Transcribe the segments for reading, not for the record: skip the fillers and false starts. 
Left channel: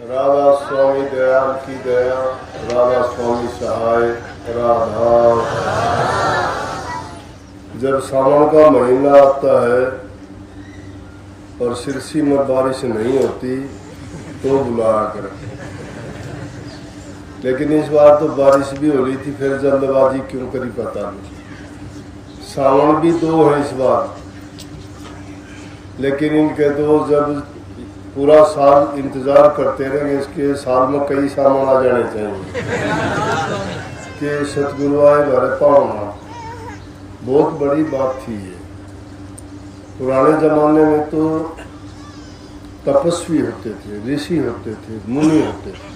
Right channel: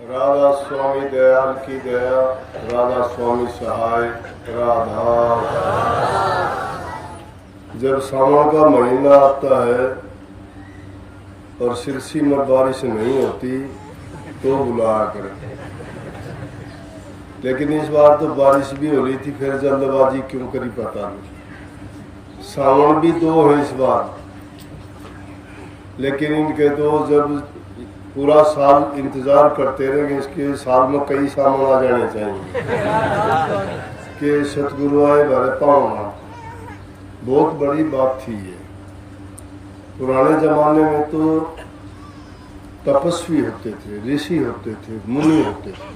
राधा स्वामी दयाल की दया, राधा स्वामी सहाय, राधा। जब सावन का महीना आता है और सिरसी में बारिश नहीं होती तो बुलाया करें, लेकिन इस बार तो बारिश भी हो रही थी, फिर जल्दबाजी क्यों करी पता नहीं। सावन भी 2 है इस बार, लेकिन इनके तो जब पूरा साल इंतजार करते रहेंगे, इसके साल में कई सावन आ जाने चाहिए कि सतगुरु आए भरे पावना। बहुत बड़ी बात थी ये। पुराने जमाने में तो तपस्वी होते थे, ऋषि होते थे, मुनि होते थे।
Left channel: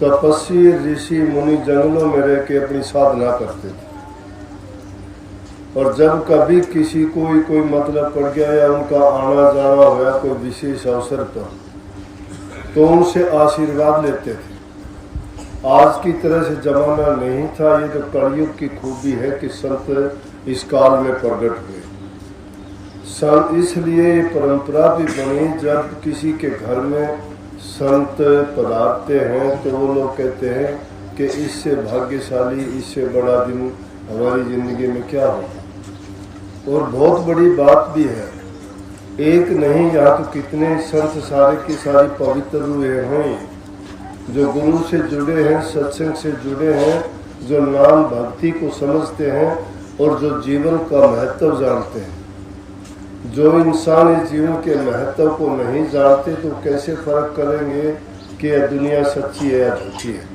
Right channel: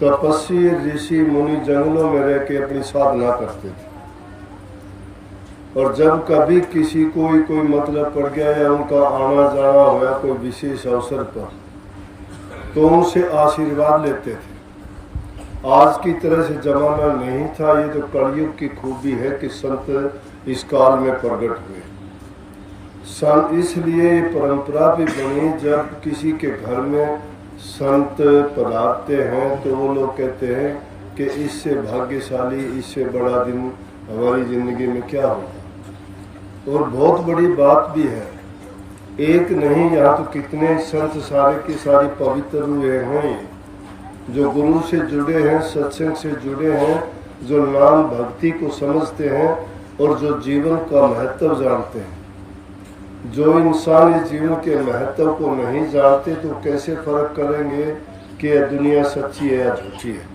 तपस्वी ऋषि मुनि जंगलों में रह के अपनी साधना करते थे, और जब कभी किसी को कोई मतलब पड़ गया या उनका आना जाना होया कोई विशेष अवसर पर, तो उनसे आशीर्वाद लेते थे। आज की तरह से जमाना नहीं था। ये तो कलयुग की खूबी है कि संत इस काल में प्रकट हुए। इसलिए ये परंपरा भी बनी, जब किसी के घर में संत पधारते हैं तो वो लोग कहते हैं कि इससे भाग्यशाली, इससे बड़ा दिन हमारी जिंदगी में क्या होगा। और बहुत बड़ी बात भी है, एक नहीं, यहाँ तो कितने संत सारे के सारी पवित्र हुए हैं, जो गुरु से जुड़े हैं, सत्संग से जुड़े हैं, जो नाम भक्ति को समझते हैं और जो जीवन का महत्व जानते हैं। जो इंसान इस जीवन के महत्व को नहीं जानते तो कैसे फर्क करेंगे कि यह दुनिया सच्ची है या झूठी है।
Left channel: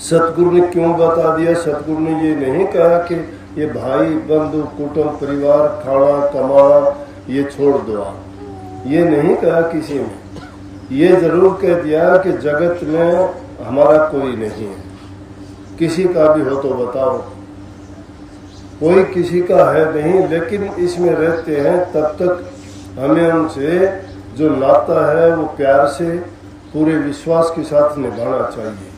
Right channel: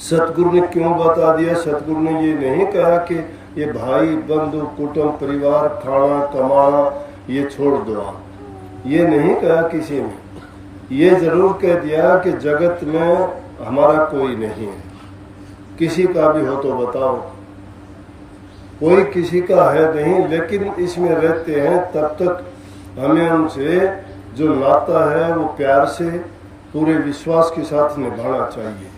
सतगुरु ने क्यों बता दिया? सतगुरु ने ये नहीं कहा कि ये भाई बंधु कुटुंब परिवार खाना कमाना ये छोड़ दो आप, ये नहीं कहा किसी ने। ये जरूर कह दिया कि जगत में हमारा कोई नहीं है, किसी का भी हो तो बताओ। कोई किसी का है नहीं, लेकिन इसमें रहते हैं तब तक हमें उनसे जो नाता है वो प्यार से पूरे विश्वास के साथ निभाना चाहिए।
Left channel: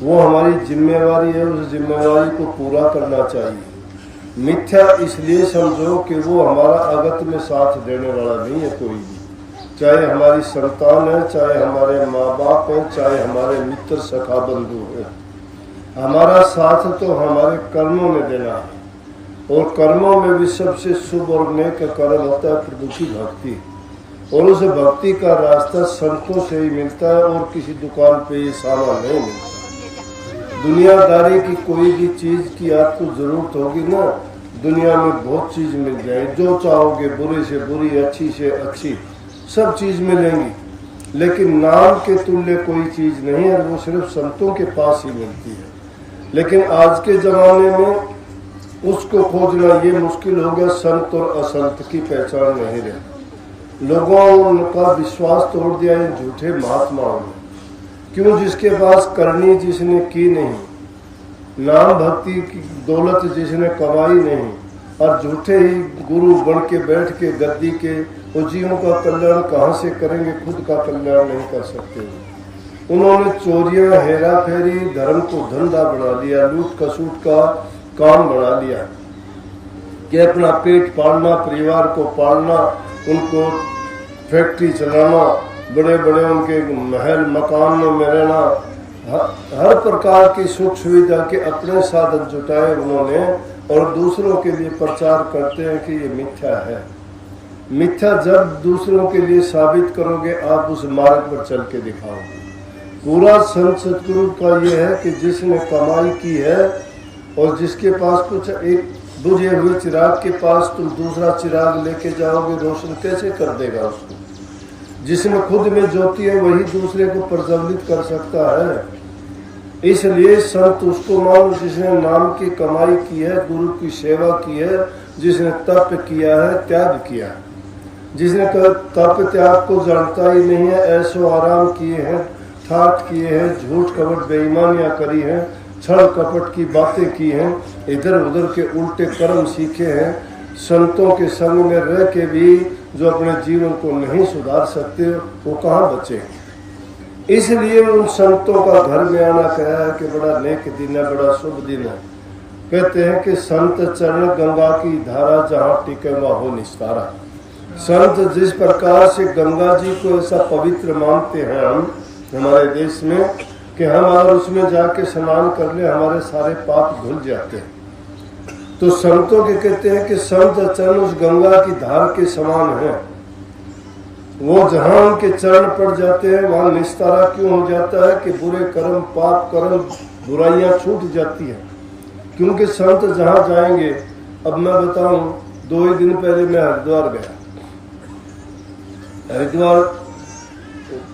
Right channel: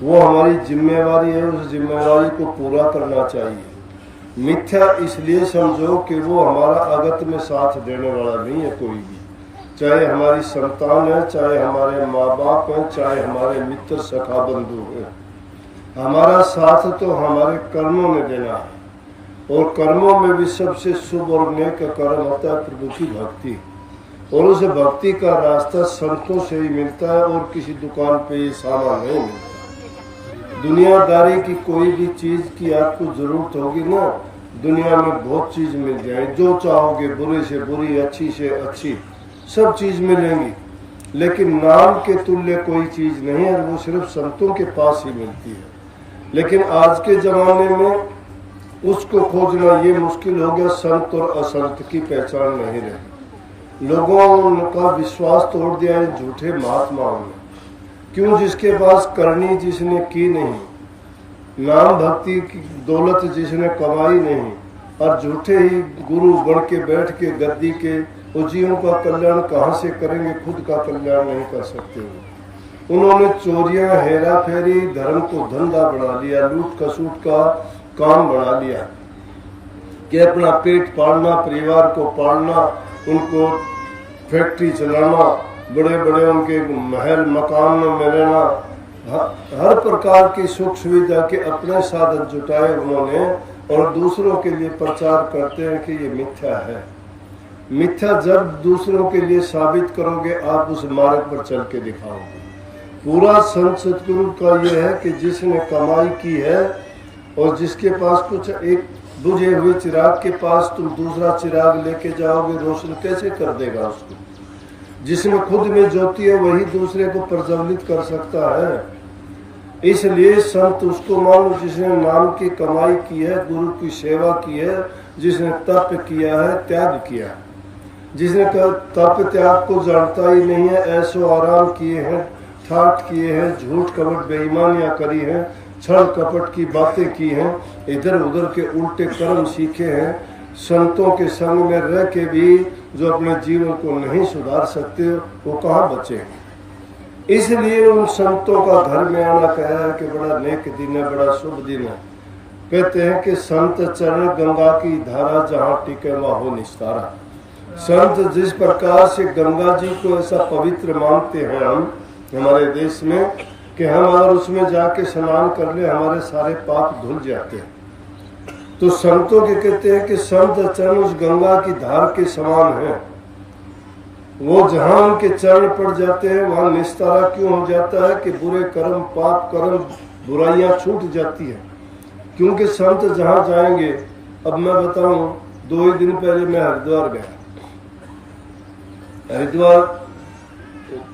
वो हमारी जिम्मेवारी है, उस जिम्मेवारी को पूरा करना चाहिए। मिथ्या इसलिए समझो कि वो हमारा अगत में साथ देने वाला नहीं है कोई भी, चाहे हमारी संतान है, चाहे हमारे माँ बाप हैं, चाहे हमारे मित्र सखा बंधु हैं। हमारा साथ तो हमारे कर्मों में देना है, और कर्मों में भी सबसे शुभ और नेक कर्म होता है प्रभु की भक्ति। और उस भक्ति का रास्ता संतों से ही मिलता है, और किसी दुकान पे ये सामान नहीं मिलता। दुनियादारी की कोई भी चीज की आपको जरूरत होगी ना, दुनिया में बहुत चीज मिल जाए, जो चाहोगे, बुरे से बुरी, अच्छी से अच्छी, सब चीज मिलेंगी, लेकिन नाम के तुल्य कोई चीज नहीं है, वो सिर्फ संतों के पास ही मिलती है। लेकिन आज के जमाने में उसको खोजना ये मुश्किल हो गया। संत और असंत की पहचान नहीं रही। लोगों का विश्वास तोड़ दिया इन झूठे महात्माओं ने। क्यों? जिसके पास करनी जिसने की नहीं, नाम भक्ति की दौलत जिसने कमाई नहीं, और झूठे ही गुरु बन के बैठ के गद्दी के वो जीवन का कल्याण कहाँ से करेंगे? खुद का कल्याण नहीं कर सकते। उन्होंने चोरियां, हेरा फेरी, धर्म को धंधा बना लिया, लूट खसूट का काम बना लिया कि अपना पेट पालना, परिवार को पालना, उनको फैक्ट्री चलाना, बड़े बड़े उनके महल मकानों में रहना, हर प्रकार की सुख सुविधा के अपने साधन जुटाए उन्होंने, और दूसरों के लिए प्रचार करते हैं कि ये मिथ्या है। मिथ्या जब दूसरों के लिए साबित करोगे, आप उस मार्ग पर चल के दिखाओगे। पूरा संत सतगुरु का ये है कि जिसने कमाई की है और जिसके पास कुछ, एक बुझे हुए चिराग के पास तुम दूसरा चिराग लेके जाओगे, रोशन कैसे कर देगा उसको? जिसमें खुद में ज्योति है वही दूसरे को प्रज्वलित कर सकता है। इसलिए संत उसको मानो जिसने नाम की कमाई की है, गुरु की सेवा की है, जिसने तप किया है, त्याग किया है। जिसने तप त्याग को जानता ही नहीं है, ऐसो आराम किए हैं, ठाठ किए हैं, झूठ कपट बेईमानियां करी हैं, छल कपट की बातें की हैं, इधर उधर के उल्टे कर्म सीखे हैं, संतों के संग में रह के भी जो अपने जीवन को नहीं सुधार सकते, वो कहाँ बचेंगे? इसलिए उन संतों का घर में आना कहा है कि बड़ा नेक दिन है, बड़ा शुभ दिन है। कहते हैं कि संत चरण गंगा की धारा, जहाँ टिके वहाँ हो निस्तारा। संत जिस प्रकार से गंगा जी को ऐसा पवित्र मानते हैं हम हमारे देश में कि हम अगर उसमें जाके स्नान कर ले हमारे सारे पाप धुल जाते हैं, तो संतों के कहते हैं कि संत चरण उस गंगा की धार के समान है। वो जहां उनके चरण पड़ जाते हैं वहां निस्तारा क्यों हो जाता है कि बुरे कर्म, पाप कर्म, बुराइयां छूट जाती है। क्योंकि संत जहां जाएंगे, अब मैं बताऊं, 2 ही दिन पहले मैं हरिद्वार गया। हरिद्वार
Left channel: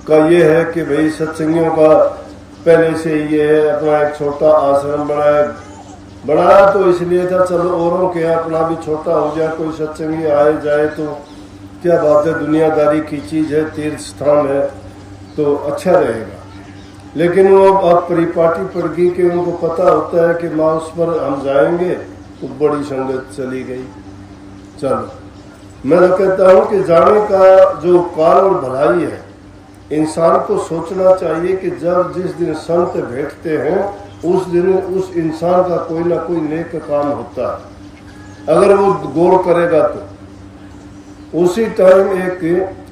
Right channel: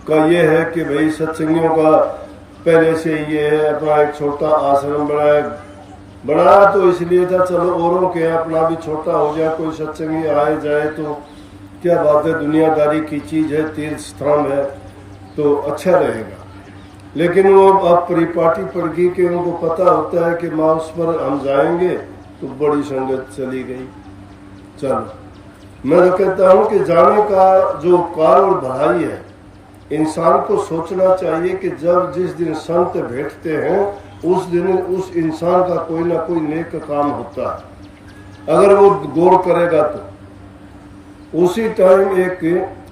का ये है कि भाई सत्संगियों का पहले से ये है, अपना एक छोटा आश्रम बनाया तो इसलिए था चलो औरों के अपना भी छोटा हो जाए, कोई सत्संगी आए जाए तो क्या बात है, दुनियादारी की चीज है, तीर्थ स्थान है तो अच्छा रहेगा। लेकिन वो अब परिपाटी पड़ गई कि उनको पता होता है कि माँ उस पर हम जाएंगे तो बड़ी संगत चली गई। चलो मैं तो कहता हूं कि जाने का जो उपकार और भलाई है, इंसान को सोचना चाहिए कि जब जिस दिन संत बैठते हैं उस दिन उस इंसान का कोई ना कोई नेक काम होता है, अगर वो गौर करेगा तो। उसी टाइम एक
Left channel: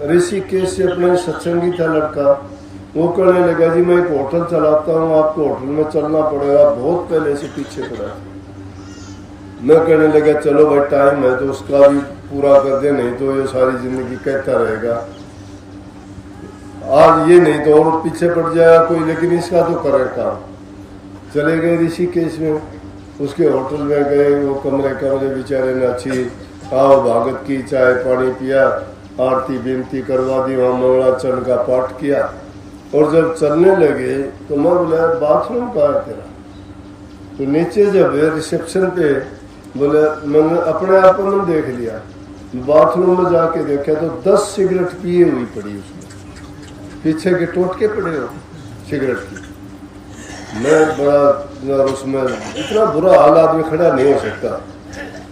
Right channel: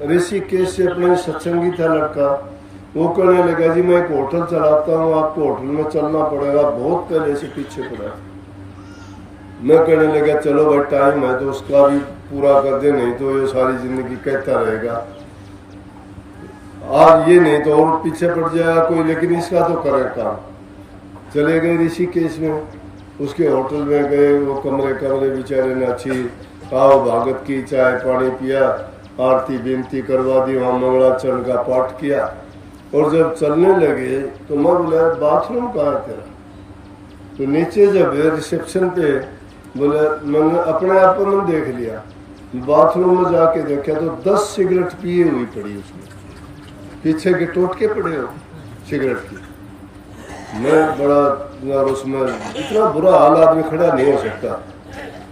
ऋषिकेश से अपने सत्संगी था लड़का, वो कहने लगा जी मैं एक होटल चलाता हूँ, आपको होटल में चलना पड़ेगा, बहुत पहले से पीछे पड़ा था। मैं कहने लगा चलो भाई टाइम है तो उसका भी पूरा कर दे, नहीं तो ये सारी जिंदगी कहता रहेगा, आज ये नहीं तो और पीछे पड़ जाएगा कोई, लेकिन इसका तो करे काम। चले गए ऋषिकेश में, उसके होटल में गए, वो कमरे बेचारे ने अच्छी आओ भागत की, चाय पानी पिया, आरती विनती करवा दी, वहाँ मंगलाचरण का पाठ किया। और जब चलने लगे तो मैं बोला बाथरूम कहाँ है तेरा? तो नीचे जब रिसेप्शन पे बोले, मैंने अपने आप में देख लिया, बाथरूम में जाके देखा तो 10 सिगरेट पिए हुई पड़ी उसमें, पीछे के टोटके पड़े हो सिगरेट की। मैं बड़ा, और उसमें इतना बुरा हाल, आदमी खड़ा नहीं हो सकता।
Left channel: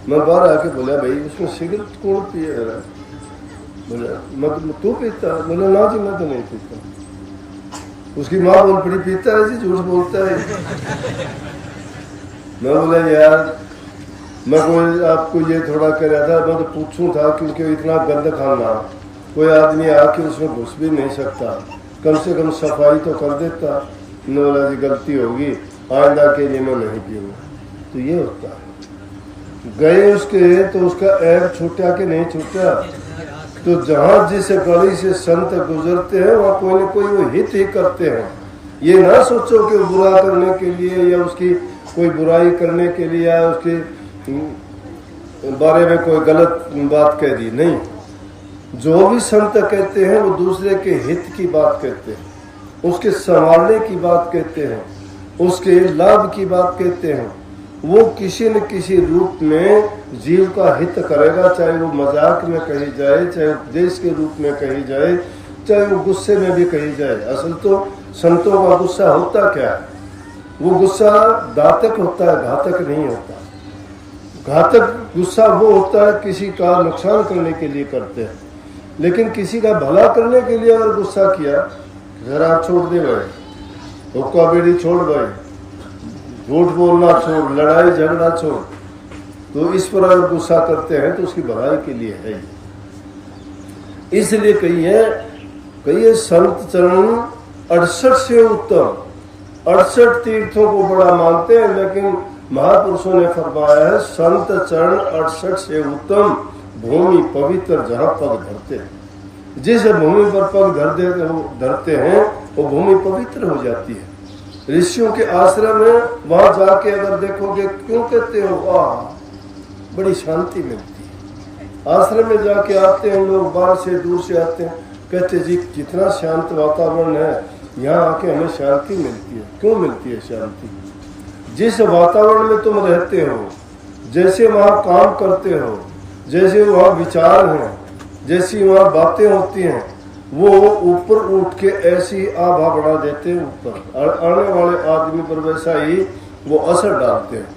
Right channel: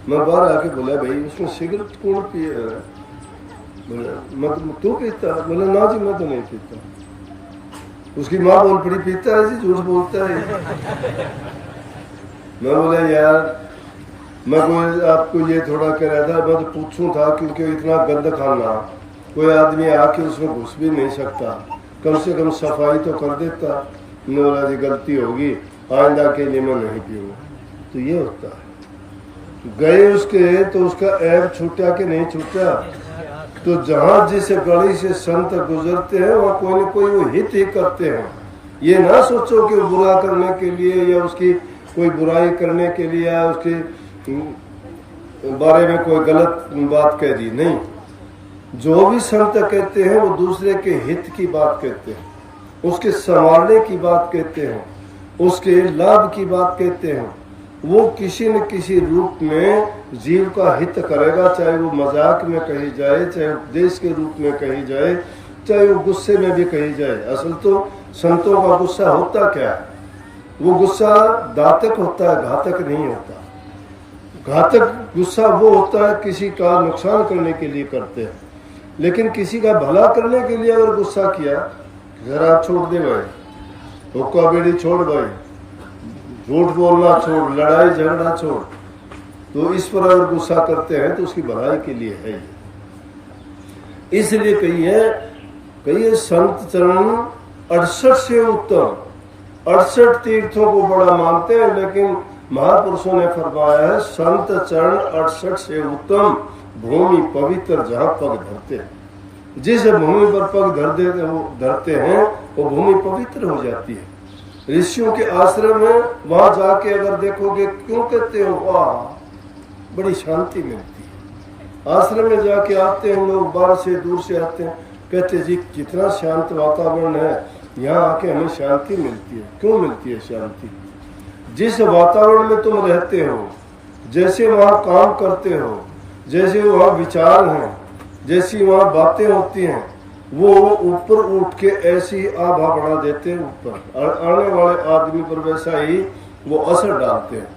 मैं बाहर आके बोला भाई उसमें सिगरेट कौन पिए? बोला तू पीता? बोला ना जी मैं तो नहीं पीता। उसकी माँ बोल पड़ी पीता है जी, झूठ बोलता है। मैं बोला यार मैं कोई आपको ये थोड़ा कह रहा था, मैं तो पूछूं था क्योंकि इतना गंद खाना, कोई आदमी आके उसमें घुस भी नहीं सकता, कम से कम सफाई तो कर देता। मैंने बोला जी गलती होगी, आइंदा के लिए मैं नहीं पीऊंगा। तो ये होता है, गए उसके तो उसका ऐब छूटा कि नहीं छूटा। तो जहां जिस गली से संत गुजरते हैं वहां कोई न कोई वो हित ही करते हैं। ये ना सोचो कि बुरा करने के लिए या उसकी कोई बुराई करने के लिए या उसके बारे में कोई गलत बात कह दी, नहीं। जो भी संत कहते हैं वो दूसरे के हित की बात कहते हैं, उसके संभालने की बात कहते हैं, उसके लाभ की बात कहते हैं। वो किसी न किसी रूप में जीव का हित करेगा, चाहे वो मजाक में कही जाए, चाहे उपदेश के रूप में कही जाए, चाहे वो गुस्से में भी कही जाए। असल तो संतों का गुस्सा होता क्या है? वो गुस्सा दातक होता है, घातक नहीं होता। घातक गुस्सा वो होता है किसी का नुकसान करने के लिए करते हैं, लेकिन किसी का भला करने के लिए अगर गुस्सा किया, जरा छोड़ दे भाई, हुक्का बीड़ी छोड़ भाई, झूठ बोलना छोड़, लड़ाई झगड़ा छोड़, तो इस पर अगर गुस्सा करते हैं तो उसकी भलाई के लिए है ये। इसलिए कहिए संत चरण 68 से उत्तम, 68 तीर्थों को बड़ा मानते हैं, लेकिन महापुरुषों ने फरमाया है संत चरण 68 से उत्तम भूमि पवित्र जहां पग धरते हैं। जिस भूमि पर पग धरते हैं वो भूमि पवित्र हो जाती है। ऋषियों के आश्रम है, वहां जाके अगर देखोगे, क्यों कहते हो वाह, बड़ी शांति मिलती है। आश्रम में जाके आते हैं लोग, बाहर से दूर से आते हैं, कहते जी कितना शांत वातावरण है, यहाँ आके हमें शांति मिलती है। क्यों मिलती है शांति? जिस वातावरण में तुम रहते हो, जैसे वहां काम करते हो, जैसे वहां विचार हैं, जैसी वहां बातें होती हैं, वो ऊपर उठ के ऐसी आभा बढ़ा देते हैं, ऊपर आने वाले आदमी पर वैसा ही वो असर डालते हैं।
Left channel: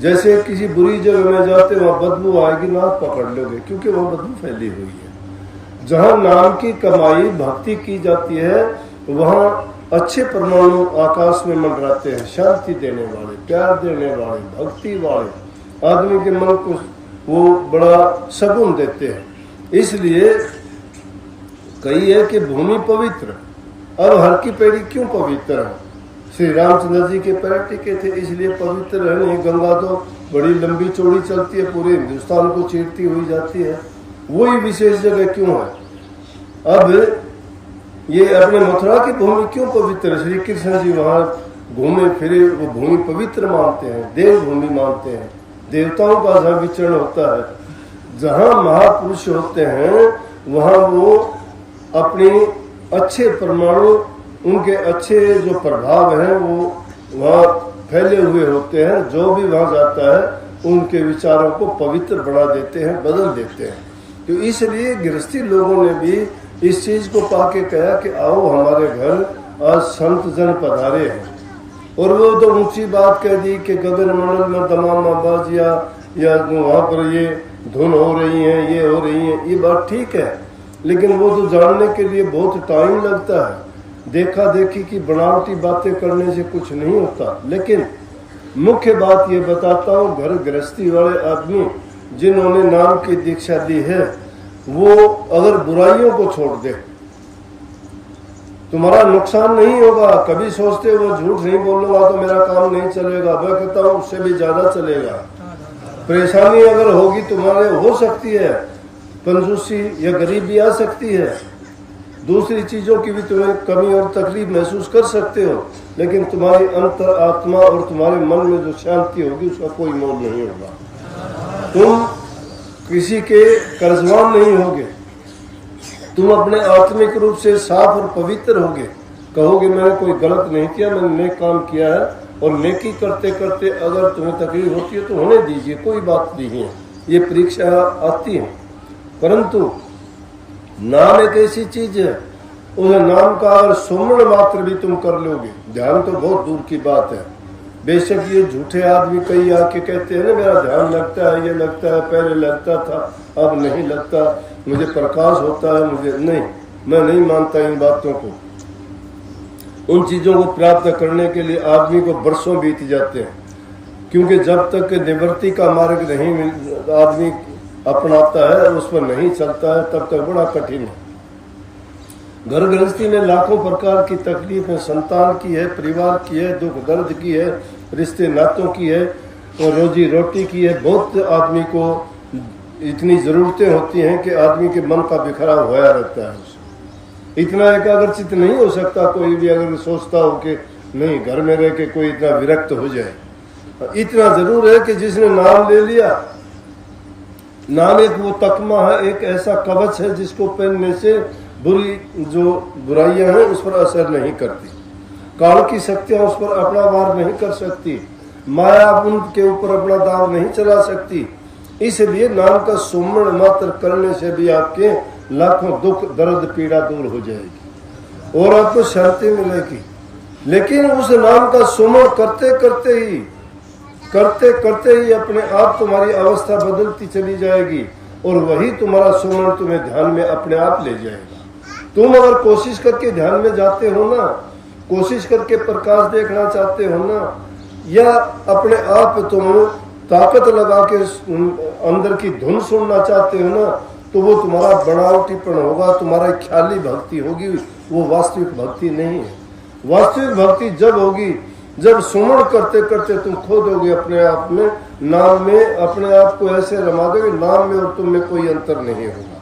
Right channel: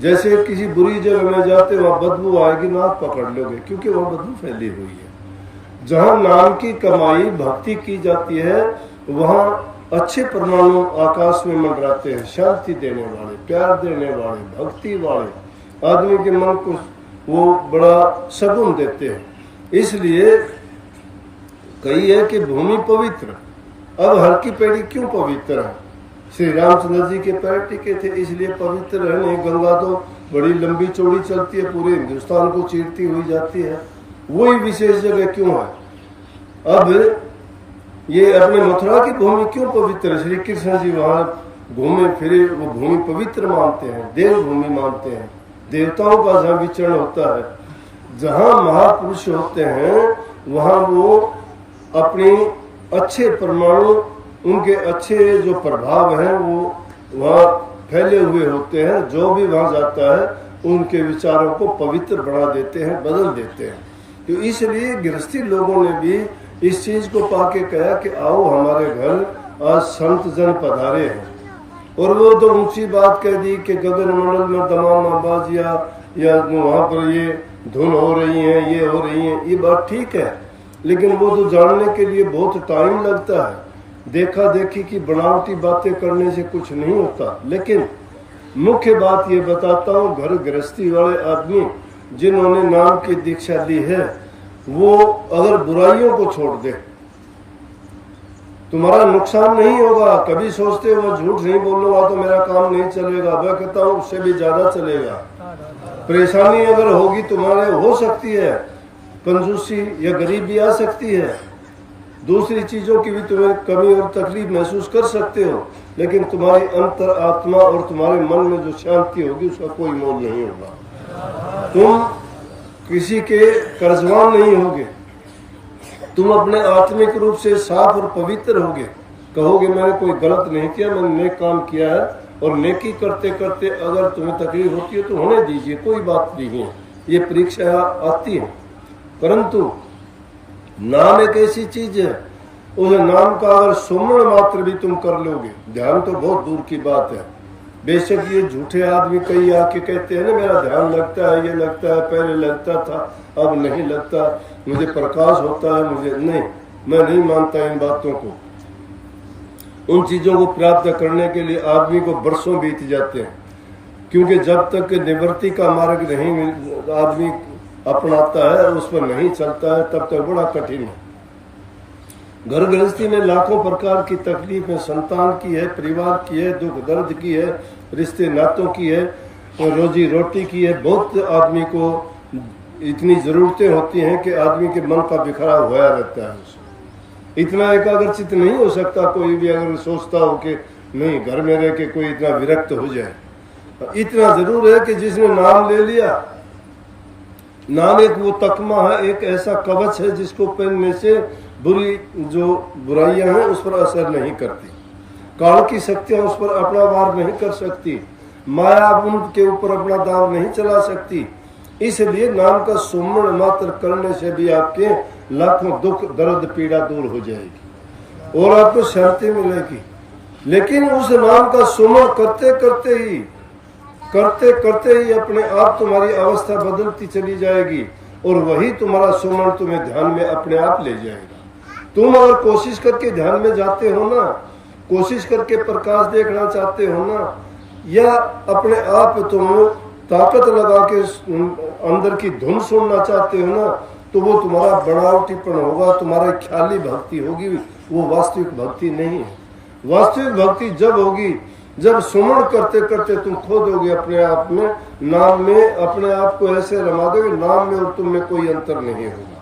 जैसे किसी बुरी जगह में जाते वहां बदबू आएगी, नाक पकड़ लोगे, क्योंकि वहां बदबू फैली हुई है। जहां नाम की कमाई भक्ति की जाती है, वहां अच्छे परमाणु आकाश में मंडराते हैं, शांति देने वाले, प्यार देने वाले, भक्ति वाले, आदमी के मन को वो बड़ा सगुन देते हैं। इसलिए कही है कि भूमि पवित्र। अब हर की पेड़ी क्यों पवित्र है? श्री रामचंद्र जी के पैर टिके थे इसलिए पवित्र है। नहीं, गंगा तो बड़ी लंबी चौड़ी चलती है, पूरे हिंदुस्तान को चीरती हुई जाती है, वही विशेष जगह क्यों है? अब ये अपने मथुरा की भूमि क्यों पवित्र है? श्री कृष्ण जी वहां घूमे फिरे, वो भूमि पवित्र मानते हैं, देव भूमि मानते हैं। देवताओं का जहाँ विचरण होता है, जहाँ महापुरुष होते हैं, वहाँ वो अपनी अच्छे परमाणु, उनके अच्छे जो प्रभाव हैं वो वहाँ फैले हुए होते हैं। जो भी वहाँ जाता है उनके विचारों को पवित्र बना देते हैं, बदल देते हैं। तो इसलिए गृहस्थी लोगों ने भी इस चीज को पाके कहा कि आओ हमारे घर, आज संत जन पधारे हैं। और वो तो ऊंची बात कह दी कि गगन मंडल में दमामा बाजिया या वहाँ पर ये धुन हो रही है, ये हो रही है, ये बात ठीक है, लेकिन वो तो जानने के लिए बहुत टाइम लगता है। देखा देखी की बनावटी बातें करने से कुछ नहीं होता। लेकिन मुख्य बात ये बताता हूँ, घर गृहस्थी वाले आदमी जिन्होंने नाम की दीक्षा दी है, वो अगर बुराइयों को छोड़ दे, तुम्हारा नुकसान नहीं होगा। कभी सोचते हो मैं झूठ नहीं बोलूंगा तो मेरा काम नहीं चलेगा, मैं कहता हूँ उससे भी ज्यादा चलेगा। परेशानी अगर होगी तुम्हारे, हो सकती है कंजूसी या गरीबी आ सकती है, दूसरी चीजों की भी तुम्हें कमी और तकलीफ महसूस कर सकते हो, लेकिन तुम्हारी अंतर आत्मा और तुम्हारे मन में जो शांति होगी उसका कोई मोल नहीं होगा। तुम किसी के कर्जवान नहीं होगे, तुम अपने आत्मिक रूप से साफ और पवित्र होगे। कहोगे मैंने कोई गलत नहीं किया, मैंने नेक काम किया है, और नेकी करते करते अगर तुम्हें तकलीफ होती है तो होने दीजिए, कोई बात नहीं है, ये परीक्षा आती है। परंतु नाम एक ऐसी चीज है, उस नाम का अगर सुमरण मात्र भी तुम कर लोगे, ध्यान तो बहुत दूर की बात है। बेशक ये झूठे आदमी कई आके कहते हैं ना मेरा ध्यान लगता है, ये लगता है, पहले लगता था अब नहीं लगता, मुझे प्रकाश होता है, मुझे नहीं, मैं नहीं मानता इन बातों को। उन चीजों को प्राप्त करने के लिए आदमी को बरसों बीत जाते हैं, क्योंकि जब तक निवृत्ति का मार्ग नहीं आदमी अपनाता है, उस पर नहीं चलता है, तब तक बड़ा कठिन है। घर गृहस्थी में लाखों प्रकार की तकलीफ है, संतान की है, परिवार की है, दुख दर्द की है, रिश्ते नातों की है, और रोजी रोटी की है। बहुत आदमी को इतनी जरूरतें होती हैं कि आदमी के मन का बिखराव होया रहता है। उसे इतना एकाग्रचित नहीं हो सकता कोई भी, अगर सोचता हो कि नहीं घर में रह के कोई इतना विरक्त हो जाए। इतना जरूर है कि जिसने नाम ले लिया, नाम एक वो तकमा है, एक ऐसा कवच है जिसको पहनने से बुरी जो बुराइयां हैं उस पर असर नहीं करती, काल की शक्तियां उस पर अपना वार नहीं कर सकती, माया उनके ऊपर अपना दाव नहीं चला सकती। इसलिए नाम का सुमरण मात्र करने से भी आपके लाखों दुख दर्द पीड़ा दूर हो जाएगी और आपको शांति मिलेगी। लेकिन उस नाम का सुमरण करते करते ही अपने आप तुम्हारी अवस्था बदलती चली जाएगी और वही तुम्हारा सुमरण तुम्हें ध्यान में अपने आप ले जाएगा। तुम अगर कोशिश करके ध्यान में जाते हो ना, कोशिश करके प्रकाश देखना चाहते हो ना, या अपने आप तुम ताकत लगा के अंदर की धुन सुनना चाहते हो ना, तो वो तुम्हारा बनावटीपन होगा, तुम्हारा ख्याली भक्ति होगी, वो वास्तविक भक्ति नहीं है। वास्तविक भक्ति जब होगी जब सुमरण करते करते तुम खो दोगे अपने आप में, नाम में अपने आप को ऐसे रमा दोगे, नाम में और तुम में कोई अंतर नहीं होगा।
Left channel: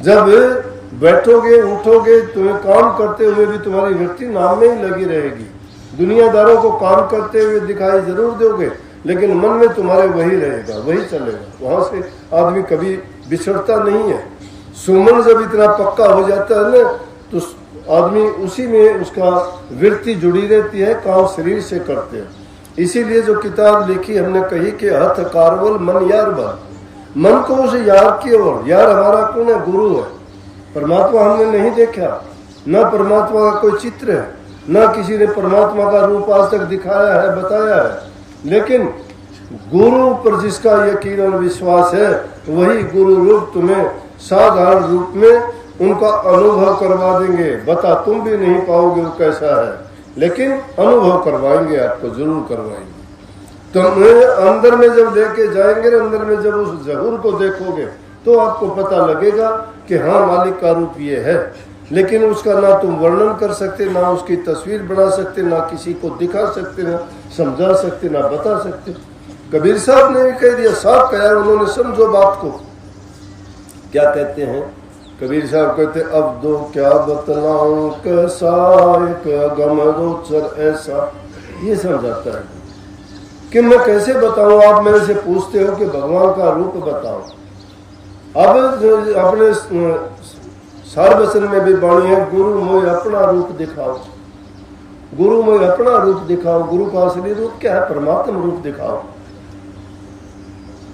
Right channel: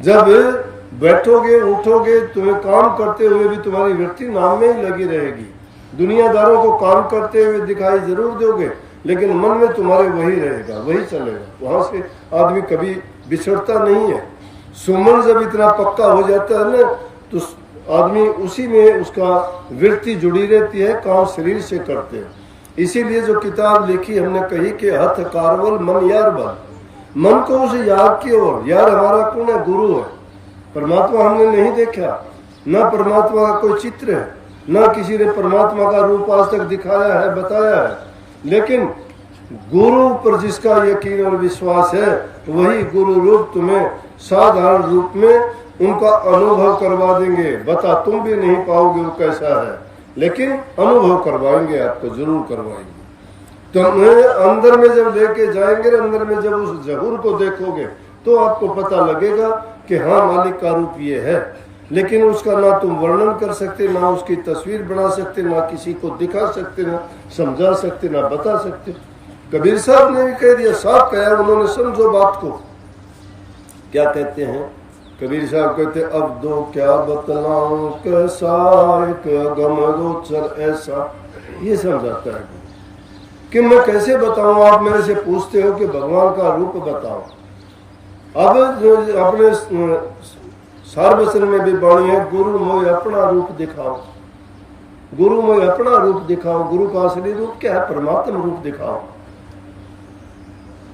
जब बैठोगे उठोगे, तुम्हें काम करते हुए भी तुम्हारी वृत्ति नाम में ही लगी रहेगी। दुनियादारों को काम करते हुए दिखाई जरूर दोगे, लेकिन मन में तुम्हारे वही रहेगा, वही चलेगा, वहां से आदमी कभी बिछड़ता नहीं है। सुमन जब इतना पक्का हो जाता है ना, तो आदमी उसी में उसका वृत्ति जुड़ी रहती है, काम शरीर से करते हैं। इसीलिए जो किताब लिखी हमने कही कि हथ कारवल मन यार बल, मन को उसे यार की ओर, यार हमारा कौन है? गुरु है। परमात्मा हमने नहीं देखा, न परमात्मा का कोई चित्र है, न किसी ने परमात्मा का रूप आज तक दिखाया है, बताया है, लेकिन गुरु पर जिसका यकीन और विश्वास है, वही गुरु रूप तुम्हें साधारण रूप में उनका अनुभव करवा देंगे। बता तुम भी नहीं पाओगे वो कैसा है, लेकिन अनुभव करवाएंगे, आपको जरूर करवाएंगे। तुम्हें अंदर में जब लेके जाएंगे, अंदर में जब उस जहूर को देखोगे, तो आपको पता लगेगा कि हाँ मालिक का रूप ये है। लेकिन उसका ना तुम वर्णन कर सकते, ना उसकी तस्वीर बना सकते, ना किसी को दिखा सकते, ना समझा सकते, ना बता सकते। कबीर साहब ने भी कह दिया, साफ कहा उन्होंने, समझो बात को। क्या कहते हैं कबीर साहब? कहते अब दो क्या बतलाऊं कैसा एक अगम गोचर ऐसा। ये समझाता है कि मैं कैसे बताऊं। आप मेरे से पूछते हो कि भगवान का रूप बताओ। अब अपने सारवचन में भी वाणी है, गुरु मोय अपना रूप दिखाओ, गुरु मोय अपना रूप दिखाओ। गुरु का असली रूप क्या है? परमात्म रूप दिखाओ।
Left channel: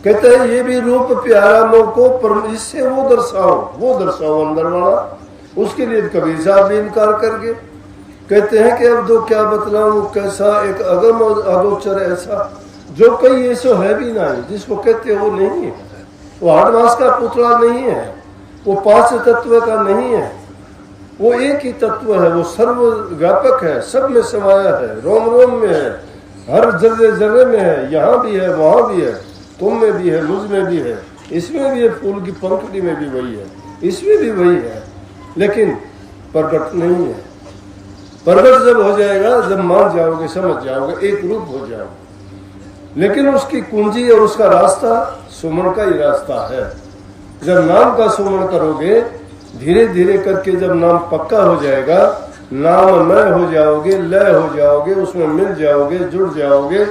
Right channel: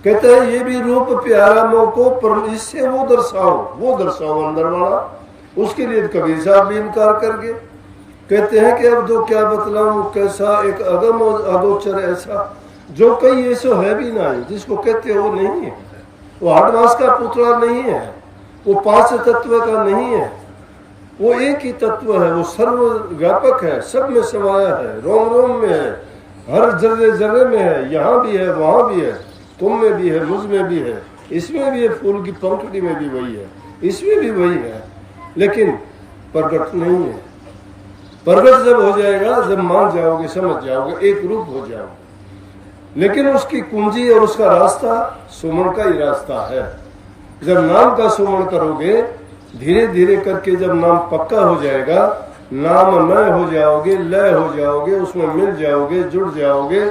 कहते हैं ये भी रूप प्यारा मोको, इससे वो दर्शाओ अंदर वाला। उसके लिए कबीर साहब भी इनकार कर गए। कहते हैं कि अब दो क्या बतलाऊं कैसा एक अगम अगोचर ऐसा, जो कई ऐसो है भी नहीं, जिसको कहते हो वो नहीं है। वो 8 मास का पुतला नहीं है, वो 5 तत्व का नहीं है, वो एक ही तत्व है। वो सर्वव्यापक है, सब में समाया है, रोम रोम में है, हर जर्रे जर्रे में है, यहाँ भी है, वहां भी है, तुम में भी है, मुझ में भी है, इसमें भी है, फूल की पंखुड़ी में भी वही है, इसमें भी वही है। लेकिन प्रकट नहीं है। प्रकट जब हो जाएगा, जब मान जाओगे, समझ जाओगे, एक रूप हो जाओगे। लेकिन उसकी कुंजी और उसका रास्ता सुमन का ही रास्ता है। जब नाम का सुमन करोगे, धीरे धीरे करके जब नाम पक्का हो जाएगा, नाम मय हो जाओगे, लय हो जाओगे, उसमें मिल जाओगे, जुड़ जाओगे,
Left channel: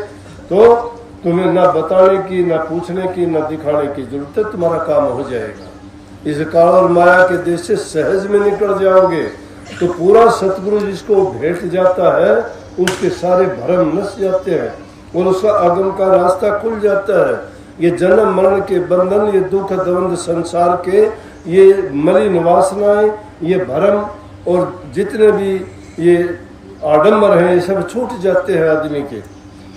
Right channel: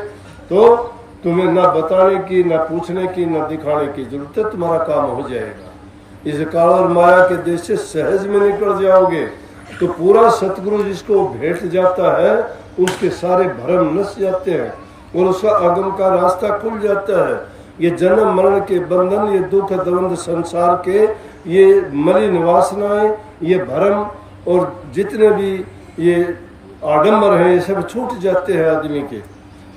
तो तुम्हें ना बताने की, ना पूछने की, ना दिखाने की जरूरत है, तुम्हारा काम हो जाएगा। इस काल और माया के देश से सहज में निकल जाओगे, तो पूरा सतगुरु जिसको भेंट जाता है, उसके सारे भ्रम नस जाते हैं और उसका आगम का रास्ता खुल जाता है। ये जन्म मरण के बंधन, ये दुख द्वंद संसार के, ये मलिन वासनाएं, ये भ्रम और जितने भी ये आडंबर हैं, ये सब छूट जाते हैं आदमी के।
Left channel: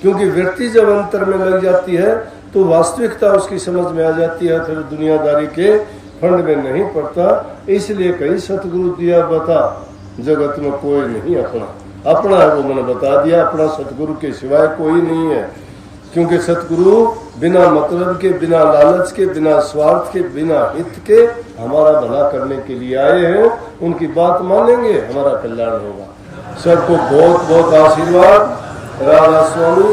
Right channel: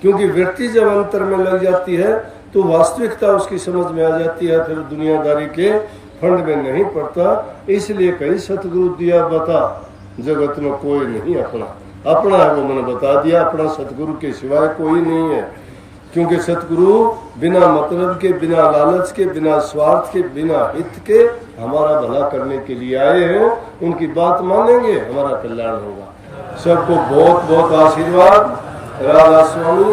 क्योंकि व्यक्ति जब अंतर में लग जाती है तो वास्तविकता उसकी समझ में आ जाती है, फिर दुनियादारी के फंड में नहीं पड़ता। इसलिए कहीं सतगुरु दिया बता, जगत में कोई नहीं अपना, अपना है वो मैंने बता दिया, अपना सतगुरु के सिवाय कोई नहीं है। क्योंकि सतगुरु बिना मतलब के, बिना लालच के, बिना स्वार्थ के, बिना हित के हमारा भला करने के लिए आए हैं। उनकी बात मानेंगे, हमारा कल्याण होगा। सबको बहुत बहुत आशीर्वाद। राधा स्वामी।